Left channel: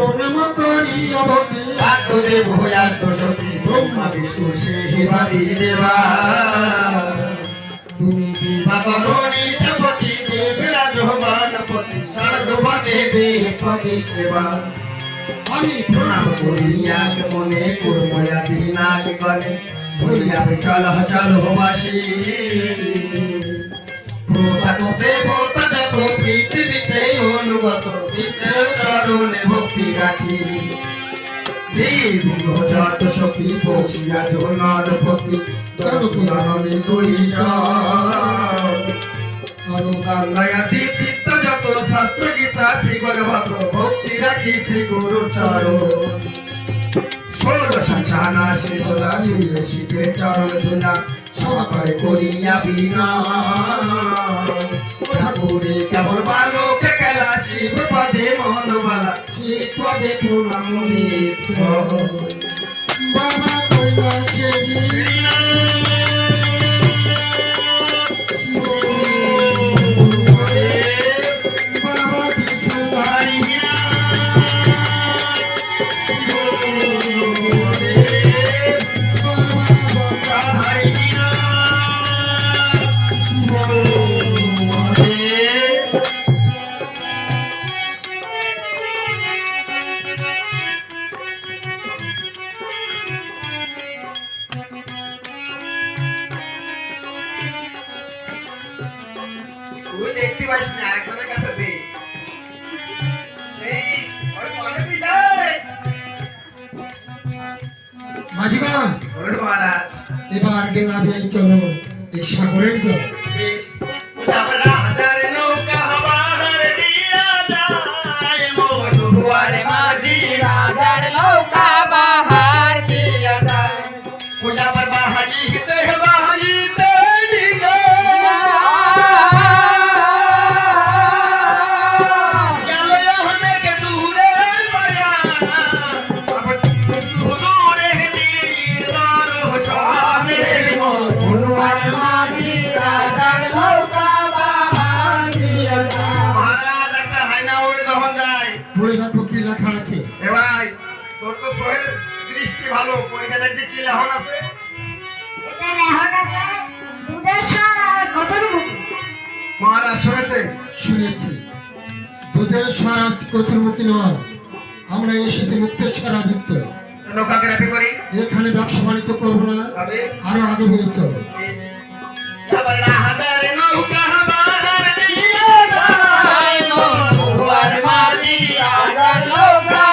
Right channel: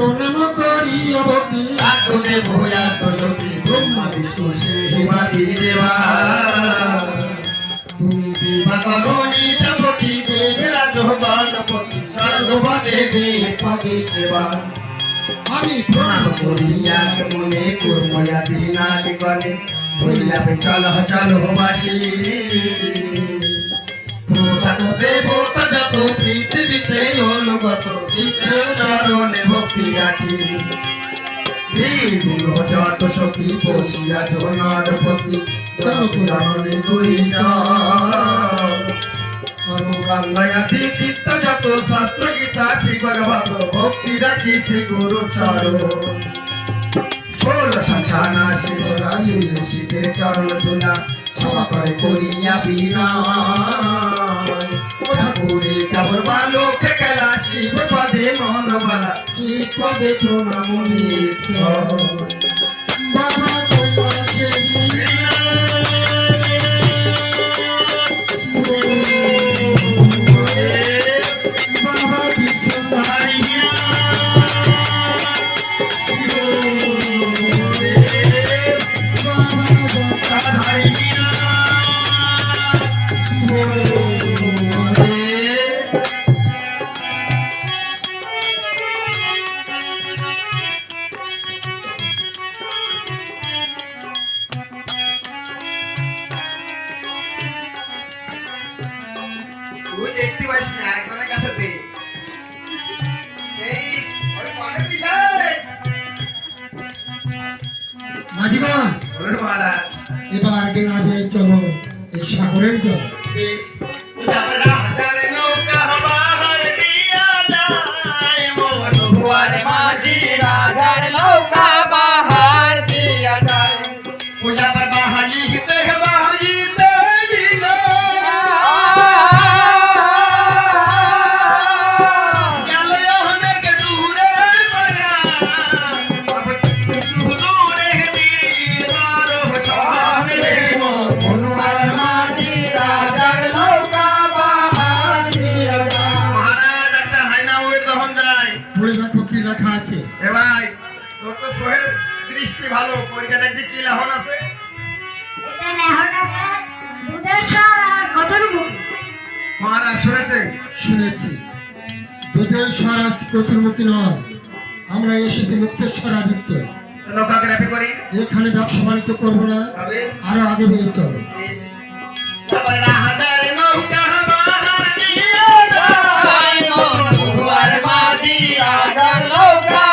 প্রণাম করি অবতি আত্মদেব আত্মশক্তি ব্রহ্মা বিষ্ণু সেবাদি দেবা তুমি দিবাকরণী সপতি দেবরাজ গণপতি স্বর্গপতি দেবপতি সেবা আমি প্রণাম করি মনে কর্ময়াদি নাগ গণে ভুলিয়া চল চল বাসী দেবতা যত পৃথিবীতে অনুগত বিষ্ণুর চরণে ভক্তি রাখি দেব যত সখী বসিয়া জনপতি জনপুরাণে দুই অনুগাঙ্গয়াদি তীর্থ যত শাস্ত্র গীতা শ্রী ভগবত ভক্তি রাখি শ্রী গুরু চরণ 16 শিবরা শিলে শীতের চরণ ধুলা সভা করে করিয়া বিনা ঠাকুরে কেবল বালকে খেলা শিব পদে মনবালা শিব পদে প্রণাম বাবা দেখতে পাইস না একজনের কাছে দে এই ওই পালে পিছায় মাঝিগণ ওরে মহারাজ এবার ডেঙ্গাবে চলো এই সাগরের জল বেশ যাবরা হাজারে নৌকা হবার দিয়া যায় মোট বুয়ারে মাঝি রাজার নৌকা বাহার দিয়া যায় পূজাবার বাহাজি হিতে বাহাজি লেখা আছে এ ভাই তোর তো সোহেল দৃষ্টি ভালো পরীক্ষা দেখবি কি লেখন আছে এটা লেখন আছে দুধের স্বর আর কতর মুখ মহারাজ শুনেছি দুধের স্বর আর কতর মুখী নয় আমরা এসেছি মুক্তেশ্বর আদিত্য নৌকাকে রাপি করি এখানে ব্যবসা বাণিজ্য করবো না আরো আগে বেরিয়ে চলো